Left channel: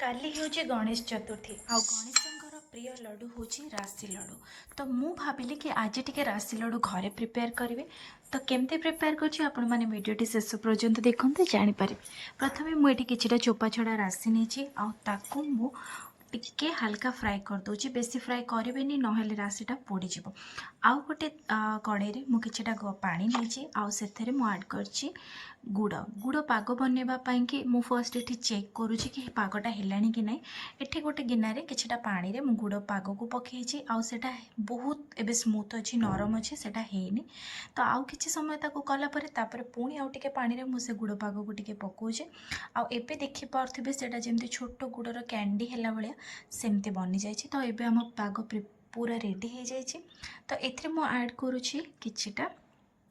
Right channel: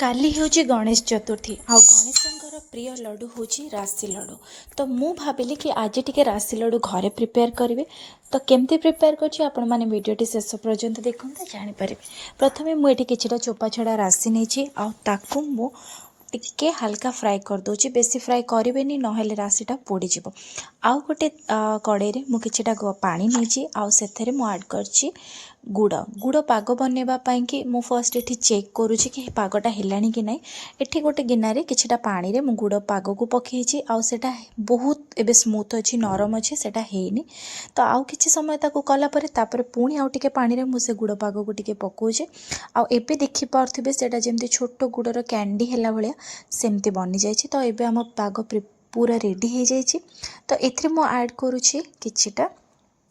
काली होची गणेश चतुर्थी आ गणेशंकर प्रिय लड्डू होची राशि लड्डू। तो मु भाविली कि आज टिके राशि लड्डू घरे प्रिपेयर करेंगे। तो केमती प्रिपेयर करछि आपण माने वीडियोटी शेष पर्यंत देखते जानीपर। प्रथमे मुझे किछिटा चोपा छड़ा राशि नहीं ताकू मु टिके हल्का फ्राए कर दूची, बेसी फ्राए करेनि नहेले राशिटा पोड़ीज। आउ गोटे कड़े मु किछिटा पानी नहीं आउ मु ऐड करछि गुड़। गुड़ पाग बनवाई कि मु फर्स्ट ये चेक करुँची कि पागटा है कि ना। ये गोटे गिनारे किछिटा पानी रे मु गुड़ पाग को पकईची आउ सेटा बहुत एबे स्मूथ अच्छी नरम अच्छी सेटा हेनी। तो आउ किछि समय ताको कला परे तापरे पुणी आउ टिके पानी रे मु से गुड़ पाग को टिके पकाउछे। आउ एबे देखि पारथिबे सेटा जेमति छोटो गुड़र कैंडी हैला भलिया सेमति बनि जाइछि। तो एबे हम पाग पूरा रेडी हो जाइछि। तो एथरे मु ऐड करुछि किछिटा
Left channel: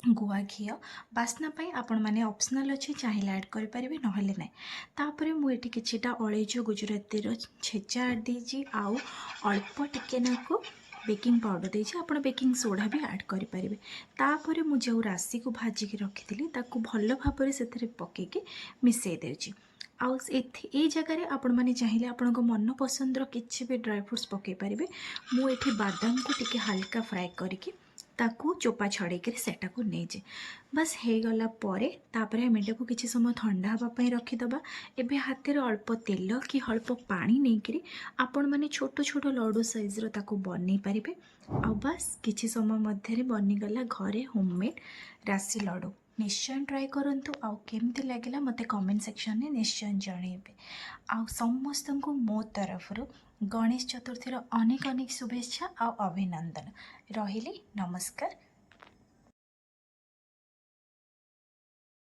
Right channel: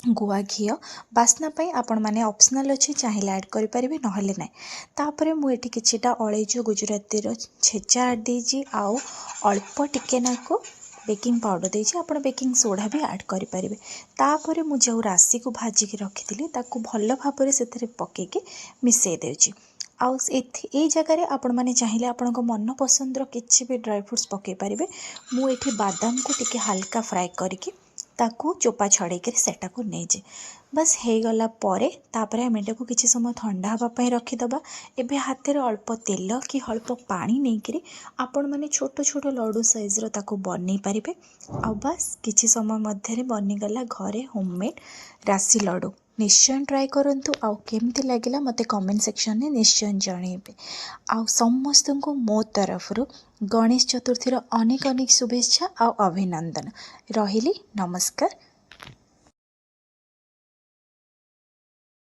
गुआ घी बास्ना पाई आपण माने ऑप्शनल अच्छी चाहिए ऐड करें नहेले ना। तापरे मुझे किछिटा अलैच गुजराती छेचा ऐड देजी आउ अल्प टिके नाको बेकिंग पाउडर देजी। आपण बेकिंग सोडा भी ऐड करें। तापरे मु जो राशि को भाजिकी रखी ताकू भल भाव से पकईकी मिसई देउची। आउ ए जगार आपण माने चाहिए आपण मन पसंदर किसी भी ड्राई फ्रूट्स पकई पारे। मुझे बादाम को टिके हल्का फ्राए करके ताकू चोपा छड़ेक सेटा को नहीं बस हो गला परे तापरे हम एटा को किसी समय ठंडा हाँपाई रखीदबा। एबे हाथ में अल्प तेल कि अल्प पानी नहीं करी आपण माने छोट छोट लड्डू साइज ताकू बन पारे। आ बस किसी समय मध्य बनीगला घरे होममेड राशि लड्डू। निश्चय ट्राए करंतु आउ केमती लगिला मते कमेंट सेक्शन में निश्चय जणेबे। आउ समस्त को मो तरफ गणेश चतुर्थी अनेक अनेक शुभेच्छा आउ अभिनंदन। रहिली नमस्कार।